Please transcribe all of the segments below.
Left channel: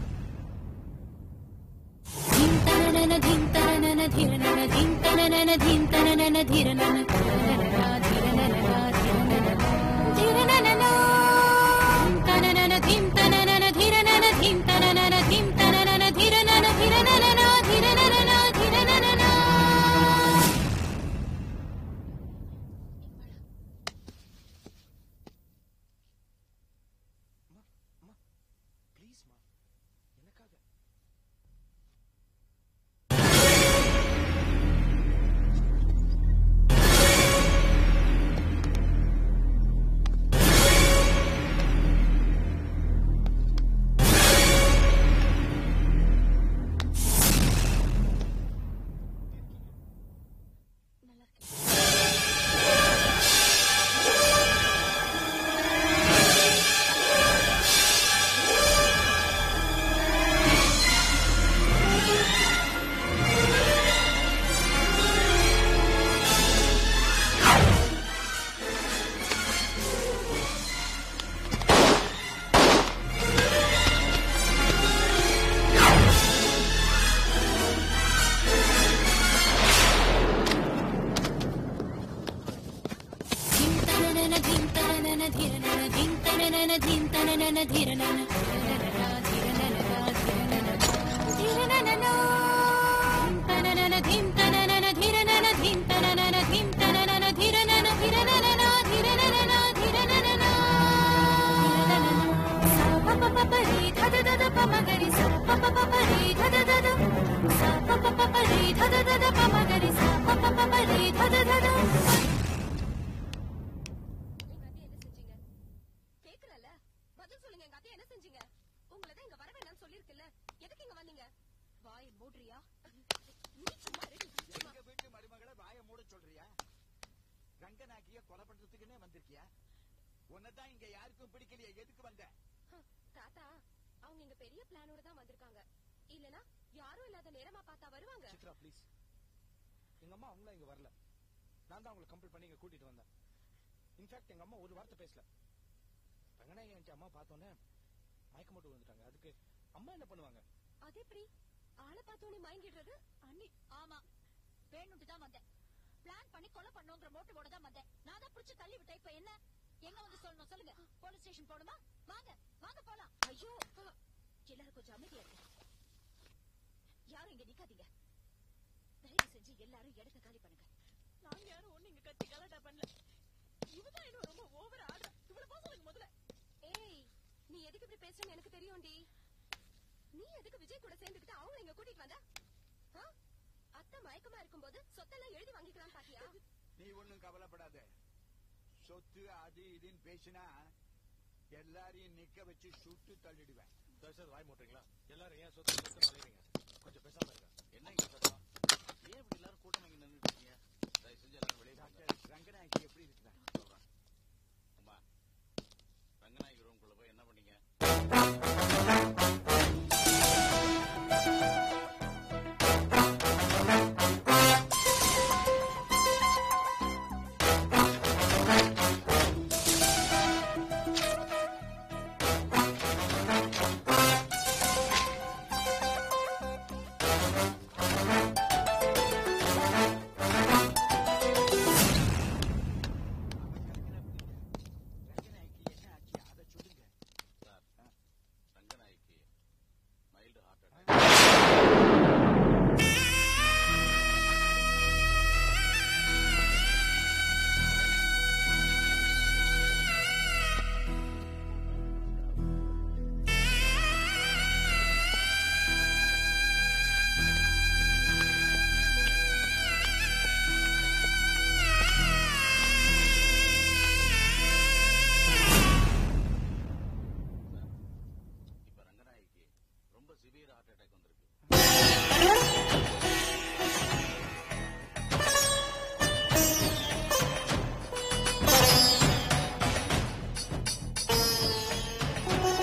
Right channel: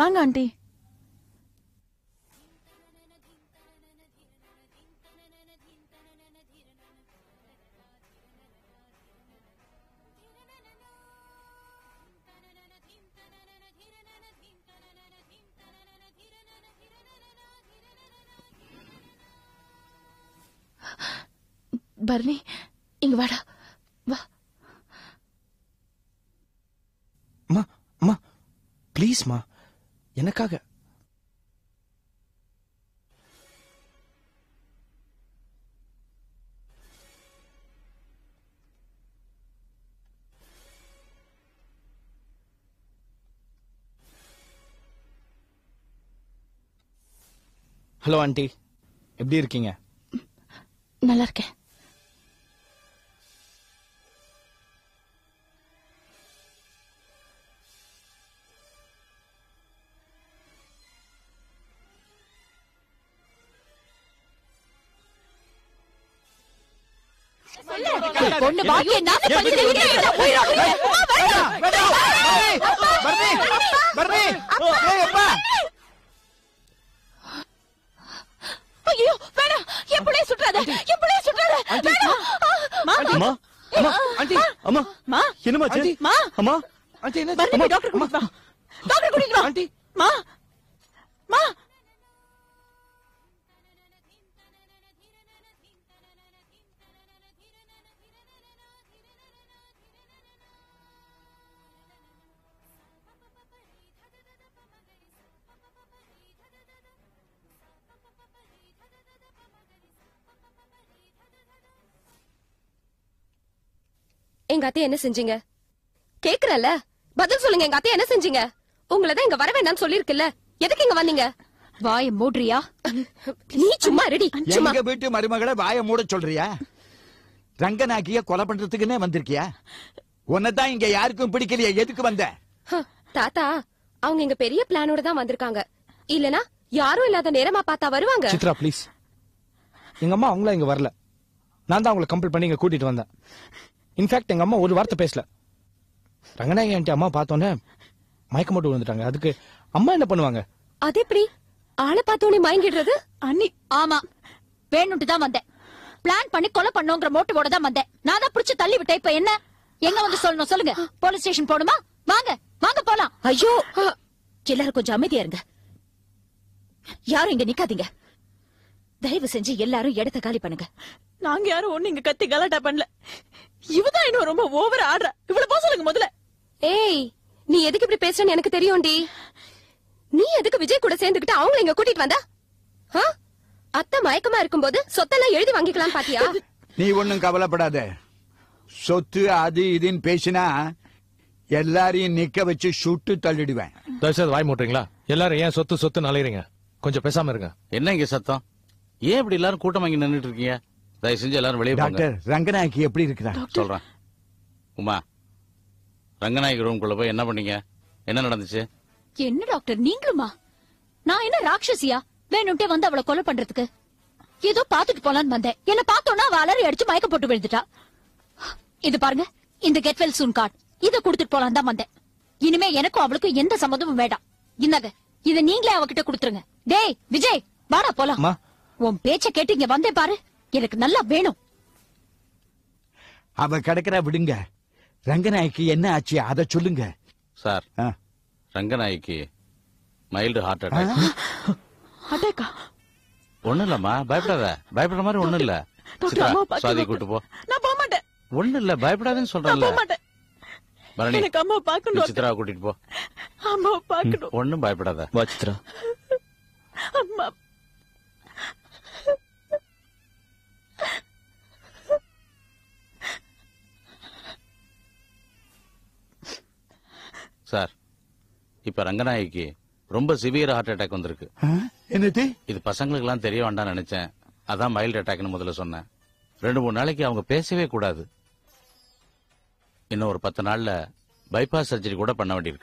வாங்க ஆண்டி. பரணி இங்க வாடா. வா. அம்மா அம்மா ப்ளீஸ்மா, எனக்காக. ஹலோ ஆண்டி, எப்படி இருக்கீங்க? நல்லா இருக்கேன். பொண்ணு பாக்கிய நாம பண்ணிட்டீங்க. ஐயோ வேணாம், எப்படியே சுற்றாத, எப்படியே சுற்றாத. வேணாம். அம்மா ஆண்டி, அம்மா மா என்னம்மா ஆச்சு? மா அம்மா பரணி டாக்டர் அம்மா டாக்டர் குடிங்க. ஆண்டி மா மா எங்க அத்தை என்ன செஞ்சீங்க? கேக்குறல, பதில் சொல்லுங்க. எங்க அத்தை என்ன செஞ்சீங்க? உங்களதான் இங்க வர வேண்டாம்னு சொல்லிருக்குல்ல, எதுக்கு இங்க வந்தீங்க? வாய மூடுறியா? நீ சும்மா ரெடி. சும்மா எங்க வீட்டு மருமகளை வாய மூட சொல்றியா? ரங்கநாயகிய கொலை பண்றதுக்குன்னே வந்திருக்கியா? உன்னதான் இங்க யாருக்கும் பிடிக்கலையா? எதுக்கு வந்த? தாத்தா, அவங்க இங்க பெரிய பிளானோட தான் வந்திருக்காங்க. இல்லனா யாரும் இல்லாத நேரமா பார்த்தா வருவாங்க. சித்ரா ப்ளீஸ், எங்க அம்மா அவங்கள இங்க வரல. நான் தான் அவங்களை கம்பல் பண்ணி இங்க கூட்டிட்டு வந்தேன். இன்ஃபேக்ட் எங்க அம்மா ஒரு வார்த்தை பேசல. ரங்கநாயகி ஆண்டி அம்மா பார்த்தோன்னே மயக்க மட்டும் விழுந்துட்டாங்க. அதுக்கு அம்மா என்ன பண்ணுவாங்க? அது எப்படி ஆளை பார்த்தோன்னே மயங்கிடுறது? அண்ணி ஆமா, வேணும்ட்டு தான் வந்தேன். பிளான் பண்ணி கொலை பண்ணோங்கிற மோட்டிவோட தான் வந்தேன். நான் தான் புடிச்சு தள்ளி விட்டேன். இப்ப என்ன? எங்க வந்து சொல்லணும் சொல்லுங்க. போலீஸ் ஸ்டேஷன் போணுமா? வாங்க வாங்க போலாம். ஐயோ, எல்லாரும் கொஞ்சம் அமைதியா இருங்க. யாரும் இங்க நிக்காதீங்க. தயவு செஞ்சு எல்லாரும் இடத்த காலி பண்ணுங்க. நாங்க யாரும் ஒண்ணு இங்க கத்தி கலாட்டா பண்ணல. இவதான் இன்னும் ரொம்ப ஓவர் ஆடுறா. இவ்வளவு போக சொல்லுங்க முதல்ல. ஏய், நீ எதுக்கு இப்படி பேசுறன்னு எனக்கு தெரியும்டி. நீ எதுக்கு விஜய் கூட சேர்ந்துக்கிட்டு அவங்கள இங்க கூட்டிட்டு வந்த? அத்தை மயக்கமா இருக்கும்போது சொத்தெல்லாம் எழுதி வாங்கிக்கலாம் பாத்தியா? நீ ஒண்ணும் கவலைப்படாத. சொத்து அது இதுன்னு பேசினா எல்லாரையும் நிக்க வச்சு சுட்டு தள்ளிடுவேன். தயவுசெய்து வாய் மூட்டுறீங்களா? எல்லாரும் ஏன் சொத்து சொத்து நலையறீங்க? கொஞ்சம் பேசாம இருங்க. என்ன இங்க சத்தம்? ஏன் இப்படி எல்லாரும் கூட்டம் வாங்கி நின்னுட்டு இருக்கீங்க? தயவு செஞ்சு எல்லாரும் வெளியே போங்க. டாக்டர், ரங்கநாயகி எப்படி இருக்கிறா? சொல்றேன். உமா, ரங்கநாயகி ரூம்குள்ள போய் என்ன பண்ணீங்க? என்ன நடந்துச்சு? என்ன டாக்டர் நீங்களுமா? நான் என்ன ராட்சசியா? வேணும்ட்டே வந்து அவளை கொலை பண்றதுக்கு ஏதோ பாத்துட்டு போலான்னு வந்தேன். என்ன பார்த்தோன்னா அவ அலறி அடிச்சு மயக்க போட்டு விழுந்துட்டா. இது பாருங்க, இந்த கெட் வெல் சூன் கார்டு. இத கொடுத்துட்டு போலாம் தான் வந்தேன். இனிமே எனக்கும் அவளுக்கும் எந்த சம்மதமும் வேண்டாம். என்னது? இத நீங்களே அவகிட்ட கொடுத்துருங்க. டேய் விஜய், வாடா போலாம். உன் பேச்ச கேட்டு இங்க வந்தே பாரு. எனக்கு நல்லா வேணும். அவ கிடக்குறா, விடுங்க. ரங்கநாயகி என்ன ஆச்சு அத சொல்லுங்க sir. Ranganayaki mild heart attack. ஒண்ணு இல்லம்மா, பயப்படாத. பயப்படுற மாதிரி ஒண்ணு இல்ல. சாதி கூட்டு போ. நான் போக மாட்டேன். ஒண்ணு இல்ல, பயப்படாதுன்னு சொல்றேன். போக மாட்டேன். பரணி, எனக்கு அம்மா பார்க்கணும். சித்ரா கூட்டிட்டு போ. அம்மா பார்க்கணும். ஒண்ணும் பயப்படாத. வா சித்ரா. அம்மா சார், இப்ப ரங்கநாயகிக்கு ரொம்ப சிவியர் ஹார்ட் அட்டாக் வந்திருக்கு. இது பசங்களுக்கு எல்லாம் தெரிய வேண்டாம் நினைச்சேன். அதான் மைல்டு அட்டாக் மட்டும் சொன்னேன். 2-3 நாளைக்கு அவங்க பேசவே கூடாது. இன்னும் ஒரு 10 நாள்ல பைபாஸ் சர்ஜரி கூட பண்ண வேண்டியது.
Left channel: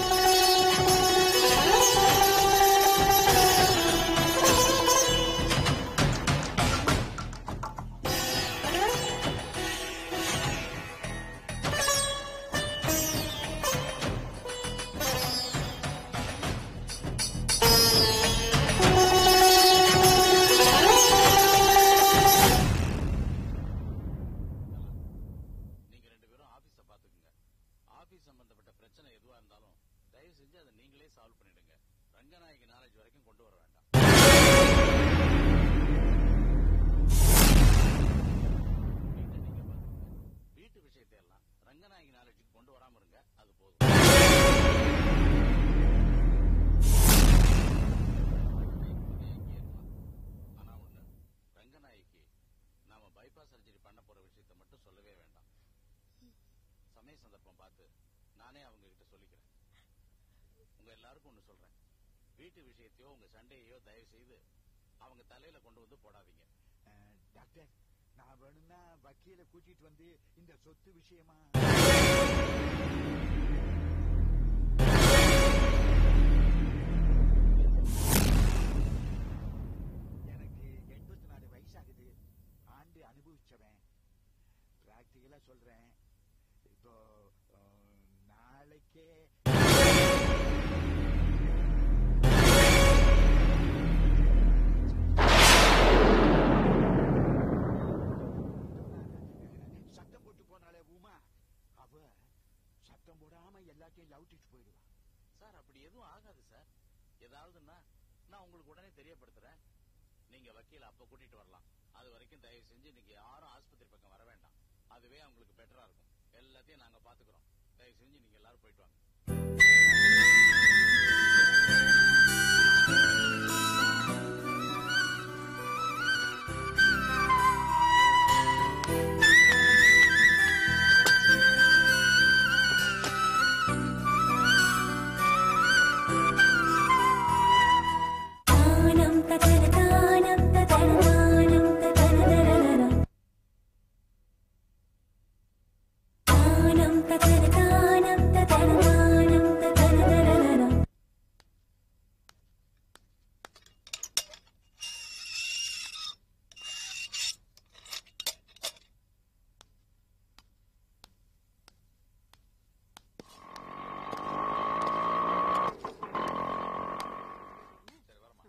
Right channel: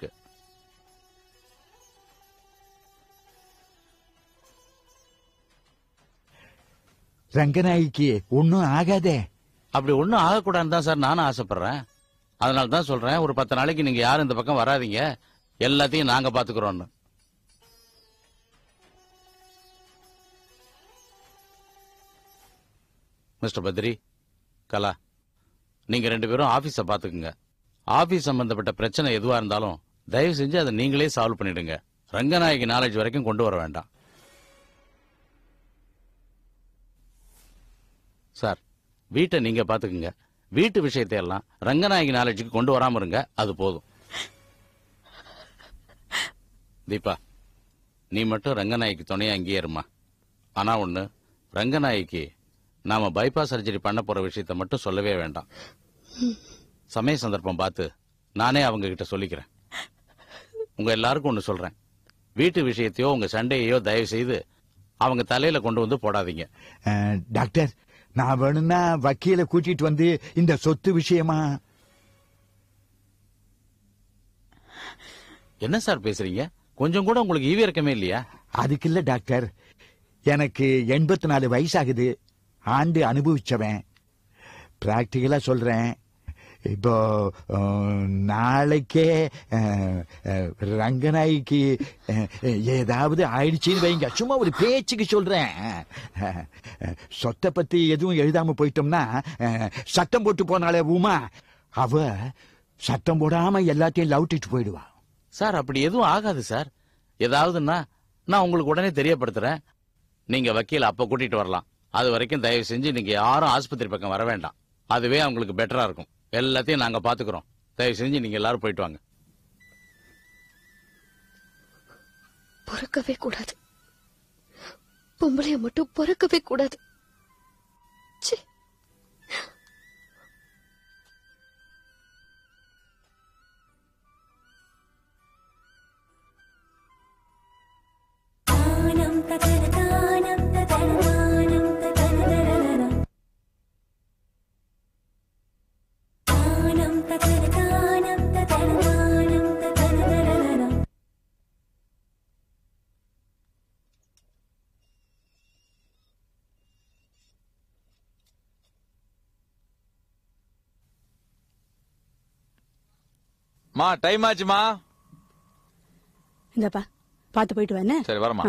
ரங்கநாயகிக்கு ஒன்னும் ஆகாதே. அப்படி ஒன்னும் ஆகக்கூடாதுன்னு தான் சார் நானும் ஆசைப்படுறேன். அதனால தான் சொல்றேன், ஒரு 10 நாளைக்கு நீங்க யாரும் இந்த பக்கம் வராதீங்க, எல்லாத்தையும் நாங்க பாத்துக்கிறோம்னு. மிஸ்டர் பத்ரி, கலா, நீங்க 2 பேரும் ஆபீஸ பாத்துக்குங்க. ஆபீஸ் சம்பந்தப்பட்ட பிரச்சனை எதுவா இருந்தாலும் தயவு செஞ்சு அதை நீங்களே சால்வ் பண்ணிடுங்க. ரங்கநாயகி நாலேஜ் வரைக்கும் கொண்டு வர வேண்டாம். சார், வீட்டை நீங்க பாத்துக்குங்க. வீட்டு விஷயத்தை எல்லாம் ரங்கநாயகி நாலேஜுக்கு கொண்டு வராம இருங்க, அது போதும். தீபா, நீ மட்டும் ரங்கநாயகி துணையா அங்கேயே இருமா. ஆனா ஒண்ணு, ரங்கநாயகிக்கு நாம பைபாஸ் சர்ஜரி பண்ண போற விஷயத்த மட்டும் சொல்லவே வேண்டாம். சமய சந்தர்ப்பம் பார்த்து நானே அவங்க கிட்ட சொல்லிக்கிறேன். உங்க எல்லாருக்கும் ஒண்ணு சொல்றேன், வீட்டு விஷயத்தையோ உங்க சண்டையோ தயவு செய்து அவங்க தலையில கொண்டு வந்து போடாதீங்க. டாக்டர், நான் வேணும்னா வக்கீல கூட்டிட்டு வந்து இந்த சொத்து விஷயமா. என்ன சார் பேசுறீங்க? கொஞ்சம் கூட உங்களுக்கு ஈவி இறக்கமே இல்லையா? அதுக்கு இல்ல டாக்டர், எனக்கு 84 வயசாகுது. ஆண்டு அனுபவிச்சவன். பிராக்டிகலா சொல்றேன். இப்போ நாளைக்கே ரங்கநாய்க்கு ஏதாவது ஆயிடுச்சுன்னு வைங்க. சும்மா ஒரு பேச்சுக்கு சொல்றேன். சொத்தை பத்தி எதுவும் எழுதாம போயிட்டோம்னா சட்டம் போட்டு போனாலே உமா, அவ சட்டம் போடாம எல்லாத்தையும் லவுட்டிட்டு போயிடுவா. சார், அப்படி எதுவும் ஆகாது சார். ஏதாவதுன்னா நான் உங்களுக்கு உடனே தெரியப்படுத்துறேன். நீங்க வக்கீல அப்ப கூட்டிட்டு வரலாம். அது வரைக்கும் தயவு செஞ்சு நீங்க யாரும் ஆஸ்பத்திரி பக்கம் வர வேண்டாம். அதுவே அவங்களுக்கு பெட்டரா இருக்கும். எல்லாத்தையும் நாங்க பாத்துக்கிறோம். தயவு செஞ்சு நீங்க எல்லாரும் போயிட்டு வாங்க. பொறுக்கவே கூடாது. பொம்பளைய மட்டும் பொறுக்கவே கூடாது. மா, டைம் ஆச்சுமா. இந்தப்பா பாத்து போயிட்டு வானே. சரி, வரமா.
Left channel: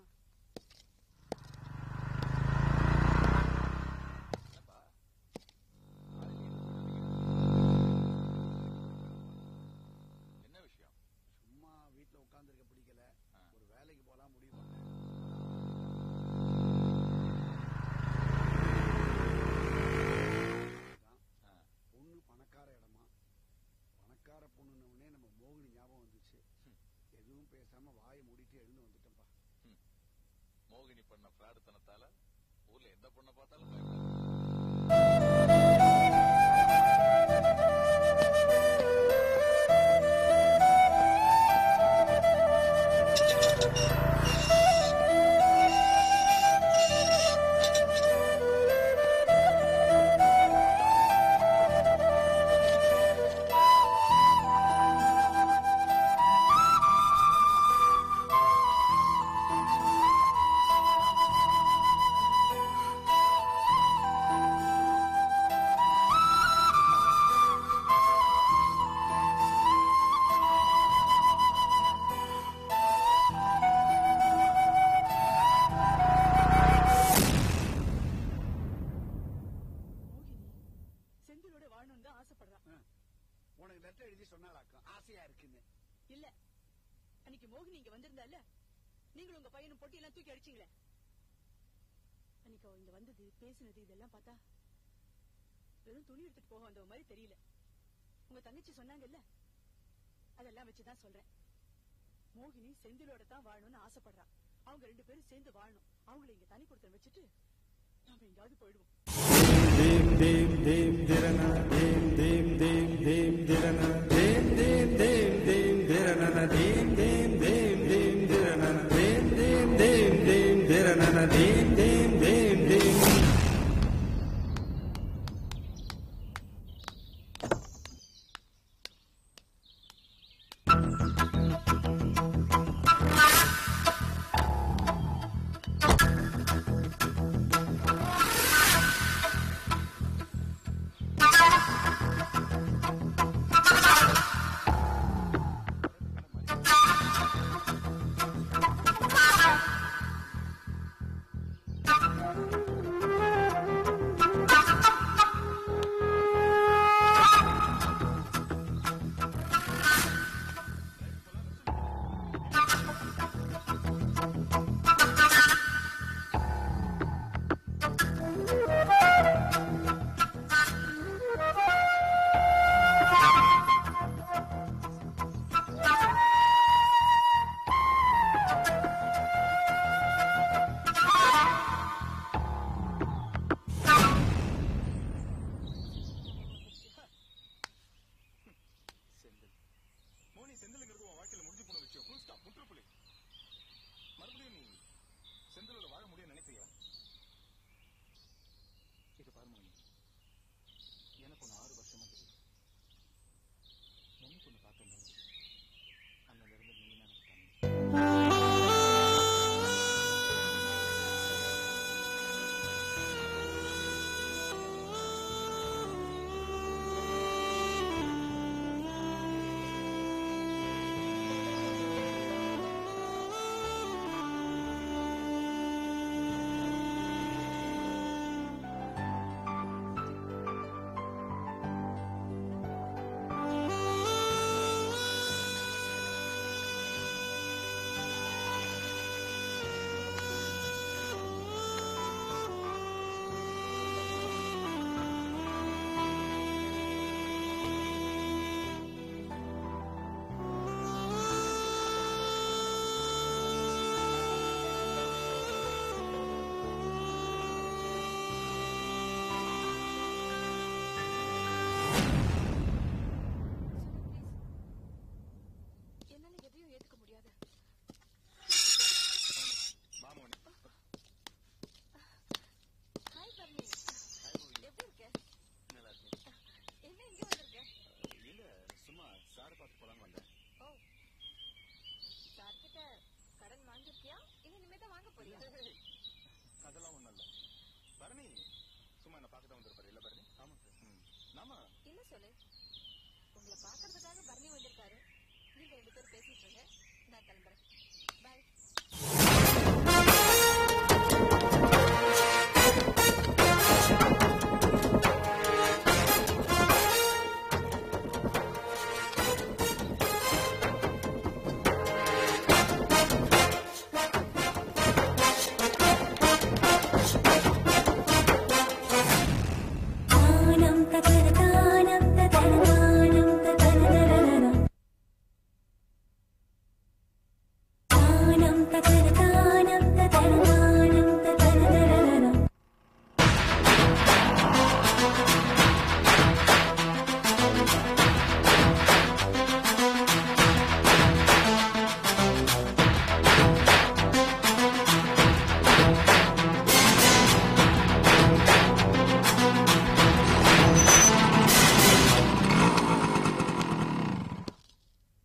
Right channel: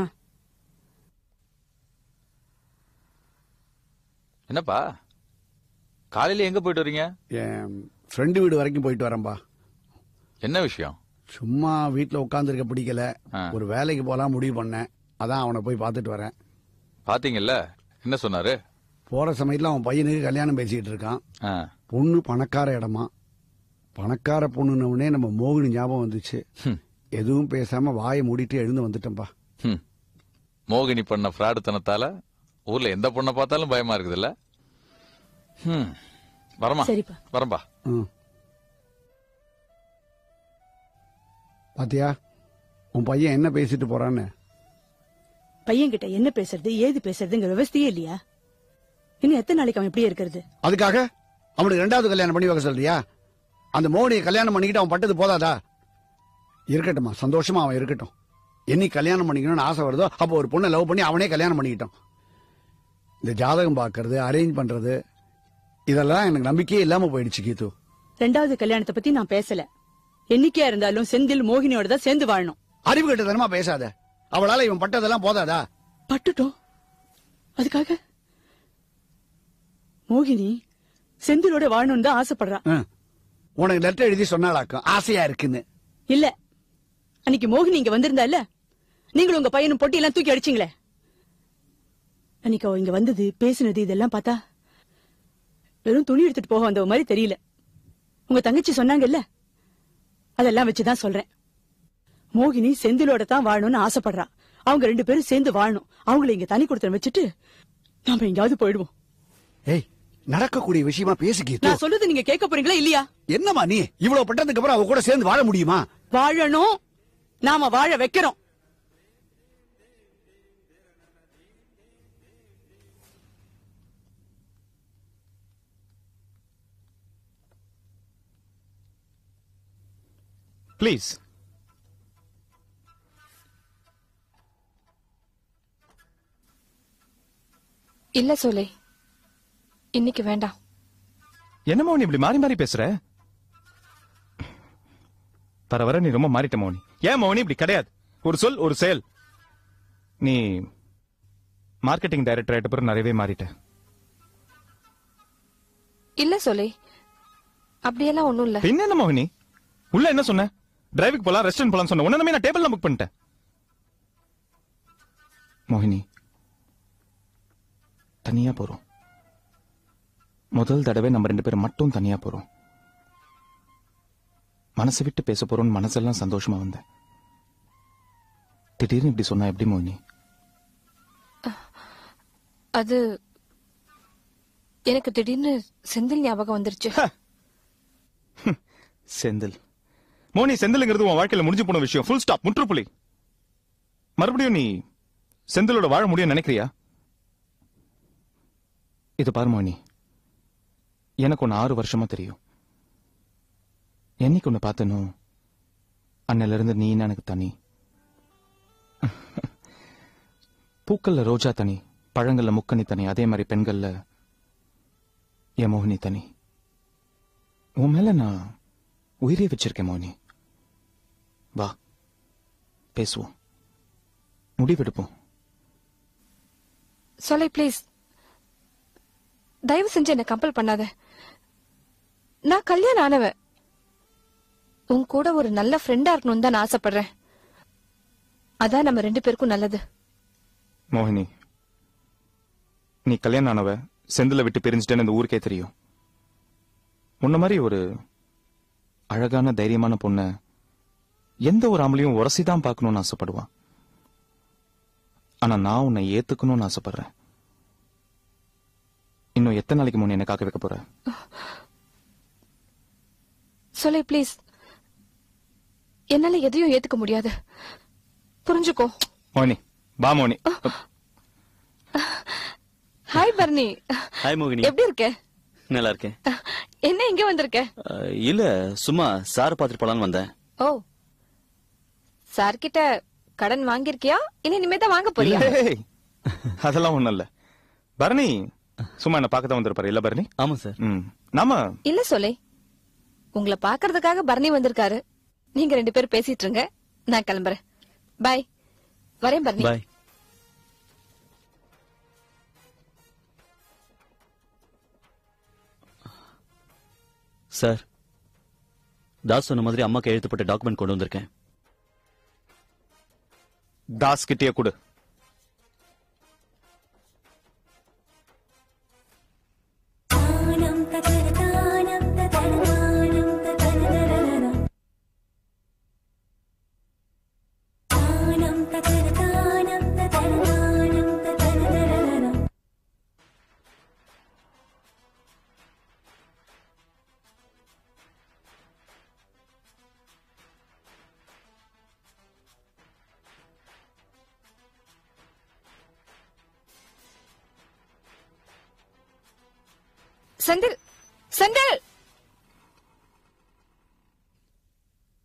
என்னப்பா காலையில எங்க போயிட்டு வரீங்க? என் ஃப்ரெண்டு வீடு வரைக்கும் போயிட்டு வரேன்பா. என்ன விஷயம்? சும்மா வீட்டுல உட்காந்துருக்க பிடிக்கல, ஒரு வேலைக்கு போலாம் முடிவு பண்ணேன். அதான் அவனை போய் பார்த்துட்டு வரேன். பாத்தீங்கல்ல, என்ன சொன்னாரு? போற சமயத்துல அவன் பையனுக்கு கல்யாணம் பேசிக்கிட்டு இருக்கான். பொண்ணு பணக்கார இடமா. பணக்கார பொண்ணுன்னே நம்ம மோகினி ஞாபகம் வந்துச்சு. எதுவும் பேசாம வாயை மூடிட்டு எழுந்து வந்துட்டேன்பா. மோகினி பண்ண ஃப்ராடுத்தனத்தால ஊர்ல எந்த பொண்ணை பார்த்தாலும் பயமா இருக்குதுல்ல. வரமா, வரம்பா. பாத்தியா உன் பையன் என்ன பேசிட்டு போறான்னு? பையன் கிட்ட என்ன பேசுறது ஏது பேசுறதுங்கிற விவசாயே இல்லையா? இன்னும் எத்தனை நாளைக்கு அவன் இப்படியே இருக்கிறது? அதுக்காக அவனுக்கு 2வது கல்யாணம் பண்ணி வைக்க சொல்றியா? அந்த மோகனியை கல்யாணம் பண்ணிக்கிட்டு அவன் பட்டது போதாதா? இருக்கட்டும்மா, சந்தோஷமா அவன் இருக்கட்டும். என்னைக்கு கல்யாணம் பண்ணிக்கணும்னு ஆசை வருதோ அப்போ ஒரு பொண்ணை லவ் பண்ணி அவனே கல்யாணம் பண்ணிக்கிட்டான். இந்த ஜாதகம் பார்க்கறது, அரேஞ்ச் பண்றது, இதெல்லாம் எனக்கு நம்பிக்கையே இல்லாம போயிடுச்சு கீது. 2வது கல்யாணத்தை பத்தி நான் பேசல. என்னைக்கா இருந்தாலும் செந்தில் மோகினியோட தான் சேர்ந்து வாழணும். அறிவு கட்டதனமா பேசாத. அவளால இவன் பட்டதெல்லாம் போதாதா? பட்டுட்டோம். அதுக்காக மோகினி செந்திலோட வாழணும்னு தான் ஆசைப்படுறான். உனக்கு லெட்டர் எழுதி சொன்னாலாக்கும் ஆசையா இருக்குன்னு. இல்ல, அன்னைக்கு மோகினி இங்க வந்திருந்தா இல்ல, நீங்களும் உங்க பையனும் பொட்டி எல்லாம் தூக்கி அடிச்சீங்களே. அன்னைக்கு அவ இங்க வந்தது பேசுனது இதெல்லாம் பார்த்தா வெறும் துணி எடுத்துட்டு போக வந்த மாதிரி தெரியல. உங்க தங்கச்சி சொன்னாங்கல்ல, அதெல்லாம் வச்சுதான் சொல்றேன். மோகினி செந்திலோட தான் வாழணும்னு ஆசைப்படுறா. அவங்க 2 பேரும் சேர்ந்து வாழணும். அவங்களை இங்க தனி கொடுத்து வச்சுட்டு நாம எங்கயாவது போயிடுவோம். நடக்கக்கூடிய விஷயமா பேசிக்க. நான் சொல்றது நீங்க கேட்க போறீங்களா இல்லையா? என்னமா நீ இவ்வளவு பட்டதுக்கு அப்புறம் அவ கூட சேர்ந்து வாழ முடியுமா? வாழணும், நாம வாழ வைக்கிறோம். ப்ளீஸ். இல்ல சொல்லு, இன்னைக்கு வேண்டாம். என்னமா நீ இப்படி மாறி மாறி பேசுற? வர வர நீ ரொம்ப மாறிட்ட மோகன். ஏன் மோகனி இப்படி கிடையாது? ஒரு சொல் ஒரு செயல். நீ மார்க்கெட்டிங் டைரக்டர் ஆயிட்ட பிறகு நிறையவே மாறிட்ட. இல்ல சொல்லி அப்படியெல்லாம் ஒண்ணும் இல்ல. என்ன மோகினி உள்ள என்ன சொன்ன? டிரைவிங் போலாம், ரெஸ்டாரண்ட் போலாம் சொன்ன. உடனே நான் டேபிள்ல புக் பண்ணிட்டேன். மோகினி தனியா போறோம். முதல் தடவை நம்ம 2 பேரும் மட்டும் தனியா போறோம். மனசை விட்டு பேச போறோம். மனசெல்லாம் சந்தோஷமா இருந்தோம். திடீர்னு இப்படி சொன்னா எப்படி மோகினி? அது எனக்கு திடீர்னு செந்தில் ஞாபகம் வந்துருச்சு. செந்தில் மோனி, செந்தில்ங்கிறது உன் வாழ்க்கையில முடிஞ்சு போன விஷயம். ஃபுல் ஸ்டாப், முற்றுப்புள்ளி. மறுபடியும் நீ செந்திலோட வாழ முடியும் நினைக்கிறியா? இது பாரு மோனி, எனக்கு ஒன்னு 6 வருஷமா தெரியும். என்னைக்கு ஒன்னு பார்த்தனோ அன்னையில இருந்து நீ எனக்கு தனி. பூக்கள்ல ரோஜா தனி, பழங்கள்ல முக்கணி தனி, அதே மாதிரி பெண்கள்ல என் மோகினி தனி. உன் மேல நான் உயிரே வச்சிருக்கேன் மோகினி. வா பேசுவோம், முடிவெடுப்போம். சொல்லி ப்ளீஸ், தயவு செஞ்சு என்ன கம்பல் பண்ணாத. நான் கல்யாணம் ஆனவன். உன் கூட ஒரு நல்ல ஃப்ரெண்டா இருக்கணும்னு தான் நான் ஆசைப்படுறேன். அதான் நம்ம 2 பேருக்கும் நல்லது. மோகினி, நீ கல்யாணம் ஆனவ, செந்தில விட்டு பிரிஞ்சுட்டேன்னு இந்த ஊருக்கே தெரியும். உன்ன மாதிரி ஒரு அழகான தைரியமான பொண்ண எந்த ஒரு ஆம்பளையும் உரசிதான் பார்க்கணும்னு ஆசைப்படுவான். ஆனா நான் உன்னை ஏத்துக்கணும்னு ஆசைப்படுறேன். இன்னும் எத்தனை நாளைக்கு முன்ன என்ன காக்க வைக்க போற? சொல்லி ப்ளீஸ், என்னால எதையும் ஏத்துக்க முடியாது, புரிஞ்சுக்கோ. மோகினி பா. மோகினி ஹாய் பர்னி. ஹாய் மோகினி, எப்படி இருக்க? நல்லா இருக்கேன். என்ன இங்க வந்திருக்க? இல்ல, சும்மா சார் பாத்துட்டு போலான்னு வந்தேன். ஓ, சார் கிட்ட கடன் வாங்கிருக்கியா இல்ல இனிமே தான் வாங்க போறியா? ஏய், அதெல்லாம் ஒண்ணும் இல்ல பரணி, சும்மா என்ன பார்க்க தான் வந்திருப்பாரு இல்ல பரணி? ஆமா சார். நாம இல்ல சொல்லி, உங்களை பாக்குறதுக்காக பரணி வந்திருக்காரு. நீங்க 2 பேரும் பேசிட்டு இருங்க, நான் கிளம்புறேன். பாய். வரேன் பரணி. பாய். சார், தாஸ் சொன்ன மாதிரி அம்மாக்கு எழுத்துப்பட்ட டாக்குமெண்ட் கொண்டு வந்திருக்கேன். தாஸ் கிட்டே கொடு.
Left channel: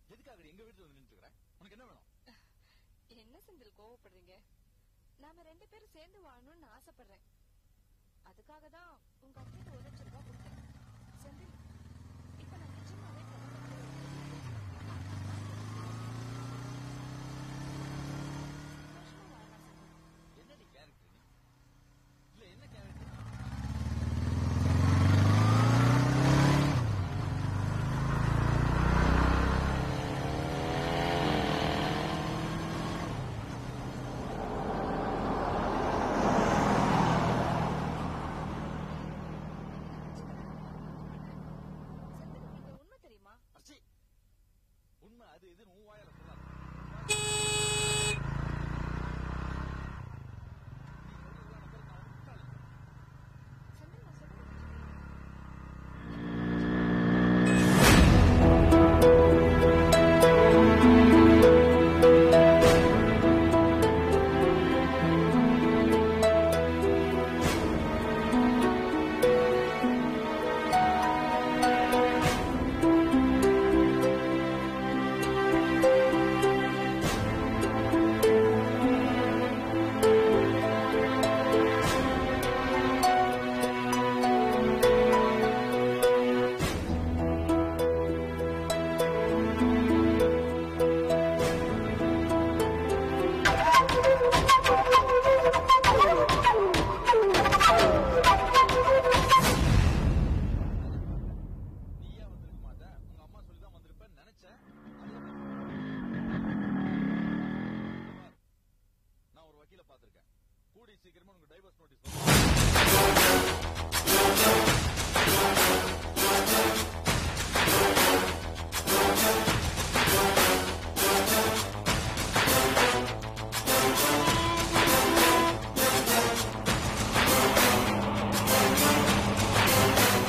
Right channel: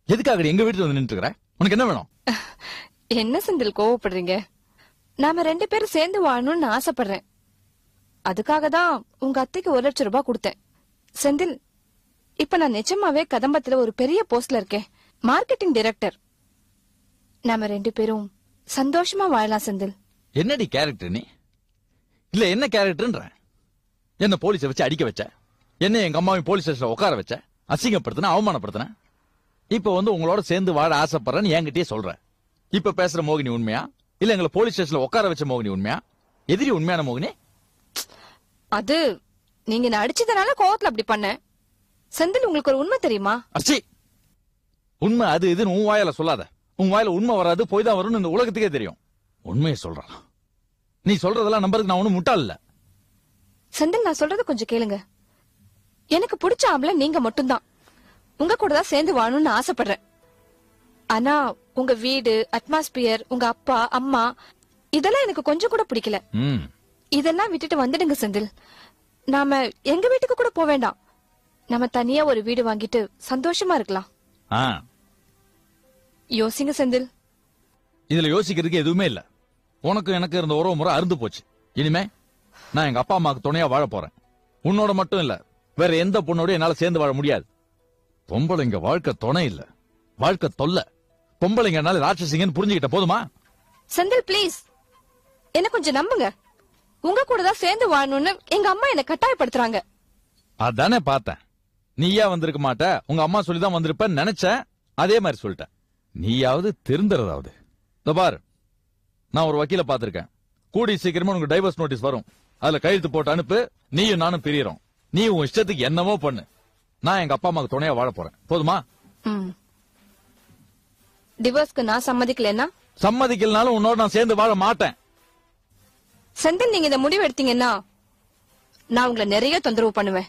எதுக்காக எங்க வீட்டுல வந்து நின்று இருக்கிற? உனக்கு என்ன வேணும்? என்ன செந்தில் கோவப்படுறீங்க? நாம 2 பேரும் சேர்ந்து வாழணும்னு ஆசைப்படுறேன். அதுக்காக தான் உங்க அத்தைக்கு 1 லட்சம் ரூபாய் கொடுத்தேன். செந்தில், இப்ப நான் நிஜமாவே கதம்பத்துல ஒரு பெரிய போஸ்ட்ல இருக்கேன், மார்க்கெட்டிங் டைரக்டர். நாம 2 பேரும் சந்தோஷமா வாழலாம் செந்தில். என்னடி கேரக்டர் நீ? இல்ல என்ன கேரக்டர்ன்ற? என்ன போலீஸை வச்சு அடிக்க வச்ச, என்ன எங்க அம்மாவை போலீஸ் ஸ்டேஷன்ல உட்கார வச்ச, அசிங்கப்படுத்தின, அவமானப்படுத்தின. இப்ப வந்து உங்களோட சேர்ந்து வாழ ஆசைப்படுறேன்னு என்கிட்டயே சொல்றேன். இப்ப பேசுற மோகினி உண்மையா, இல்ல எங்களை போலீஸ் ஸ்டேஷன்ல உட்கார வச்ச மோகினி உண்மையா? எதிரி உண்மையான மோகினி? அது நீங்க நான் அடிச்சதுனால கோவத்துல அப்படி பண்ண. செந்தில், உங்களுக்கு ஒரு உண்மை தெரியுமா? அச்சி, உண்மை அது இதுன்னு உன் வாயால சொல்லாத. உன் வாயில உண்மை வராது, போய் தான் வரும்னு இந்த உலகத்துக்கே தெரியும். உண்மையை சொல்றான். நீ சொல்றதெல்லாம் நம்பருக்கு நான் ஒண்ணும் முட்டாள் இல்ல. செந்தில், நான் சொல்றது கொஞ்சம் கேளுங்க. எனக்கு பிடிச்ச ஆம்பளை நீங்க மட்டும்தான். உங்க கூட தான் சேர்ந்து வாழணும்னு ஆசைப்படுறேன். ஆனா உங்க வீடு, அட்மாஸ்பியர், உங்க அப்பா அம்மா, இதெல்லாம் எனக்கு கொஞ்சம் கூட பிடிக்கல. இதெல்லாம் விட்டுட்டு வந்துடுங்க செந்தில். நாம எங்க வீட்டுக்கு கூட போக வேண்டாம். நம்ம தனியா ஒரு வீடு வாங்கிட்டு சந்தோஷமா இருக்கலாம். யோசிங்க செந்தில். இதுல யோசிக்கிறதுக்கு எதுவுமே இல்ல. உனக்கு எனக்கு இருந்த உறவு முறை அறுந்து போச்சு. இனிமே நான் எங்க அப்பா அம்மாவுக்கு துணையா வாழ போறேன். உன்னோட மட்டும் இல்ல, வேற எந்த பொண்ணோட என்னால சேர்ந்து வாழ முடியாது. உங்களோட இங்க வாழ்க்கை துணை இல்ல, வாழ்க்கை தொல்லை. பொம்பளைங்கனால ராட்சசிங்கன்னு புரிஞ்சுக்கிட்ட போதுமா? செந்தில் ப்ளீஸ் என்ன கொஞ்சம் நம்புங்க. உங்க கூட தான் சேர்ந்து வாழணும்னு எங்க அம்மா என்ன கட்டாயப்படுத்துறாங்க. அதானே பார்த்தேன். நீயா வந்திருக்க மாட்ட, உங்க அம்மா சொல்லிதான் வந்திருப்பேன்னு நினைச்சேன். அதே மாதிரி சொல்லிட்டேன். நீயாவது திருந்துறதாவது. பாரு, நான் ஒரு வக்கீல பாத்திருக்கேன். கூடி சீக்கிரமா உனக்கு டைவர்ஸ் நோட்டீஸ் வரும். அதுல கையெழுத்து போட்டு அனுப்பு. நீயும் நானும் பிரியிறோம். நீ உன் இஷ்டத்துக்கு என்னவோ பண்ணு. நான் எங்க அப்பா அம்மாவுக்கு துணையா வாழ போறேன். போதுமா? டிவோர்ஸ்க்கு நான் சம்மதிக்கலன்னா? சம்மதிக்கலனாலும் உன்னோட நான் சேர்ந்து வாழ மாட்டேன். செந்தில், நீங்க இந்த முடிவு எடுத்தீங்கன்னா நான் உங்களை நிறைய தொந்தரவு பண்ணுவேன்.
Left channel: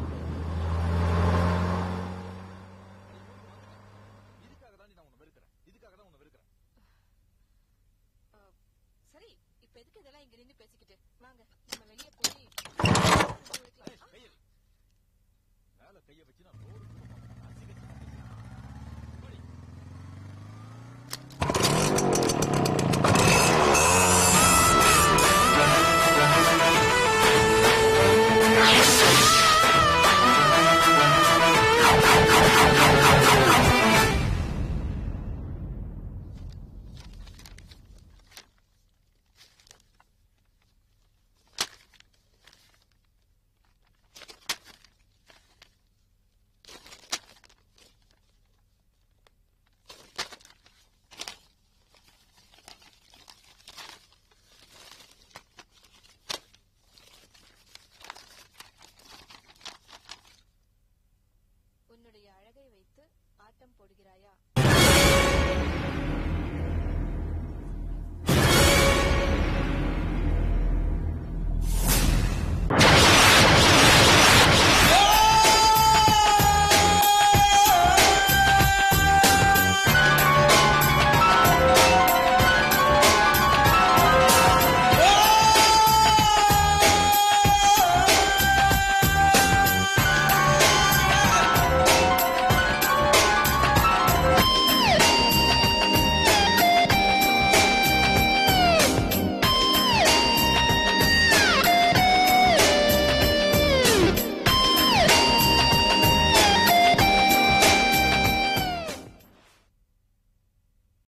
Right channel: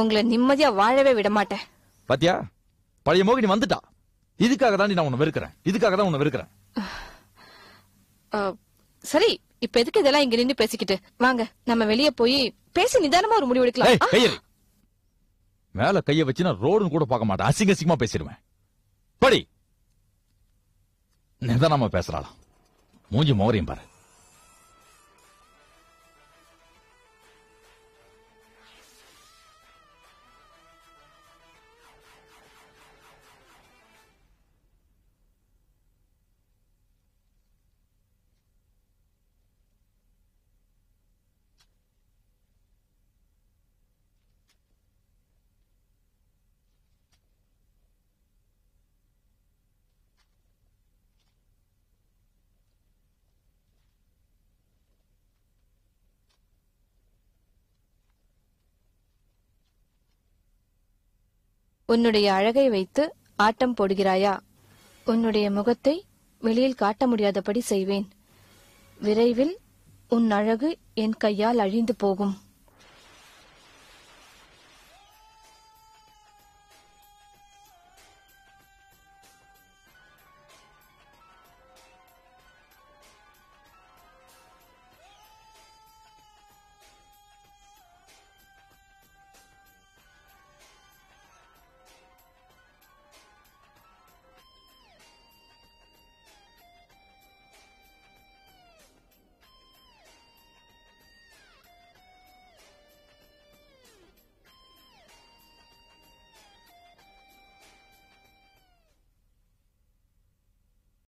உங்களை நிம்மதியா வாழவே விட மாட்டேன். பாத்தியா, பழைய மோகினி வந்துட்டா. இதுக்காக தான் நான் உன்னை வெறுக்கிறேன். இதுக்காக தான் உன்னை வெறுக்கிறேன். சரி, இப்ப எதுக்கு இதெல்லாம் இங்க நின்று பேசிக்கிட்டு? வாங்க நம்ம வெளியே போய் பேசி நிதானமா ஒரு முடிவு எடுக்கலாம். கையறி மேல கைய வச்சு நான் ரோடுன்னு கூட பார்க்க மாட்டேன். அசிங்க அசிங்கமா பேசிடுவேன். படி, இதுதான் நம்ம பேசலாம். உன்னுடைய அழகை வைத்து ஆட்டம் போடுகிறாயா? உன்னுடைய முகத்தை வெளியில் காட்ட முடியாதபடி செய்வேன். விரைவில் உன் அழகு என் கையால் அழிந்து போகும்.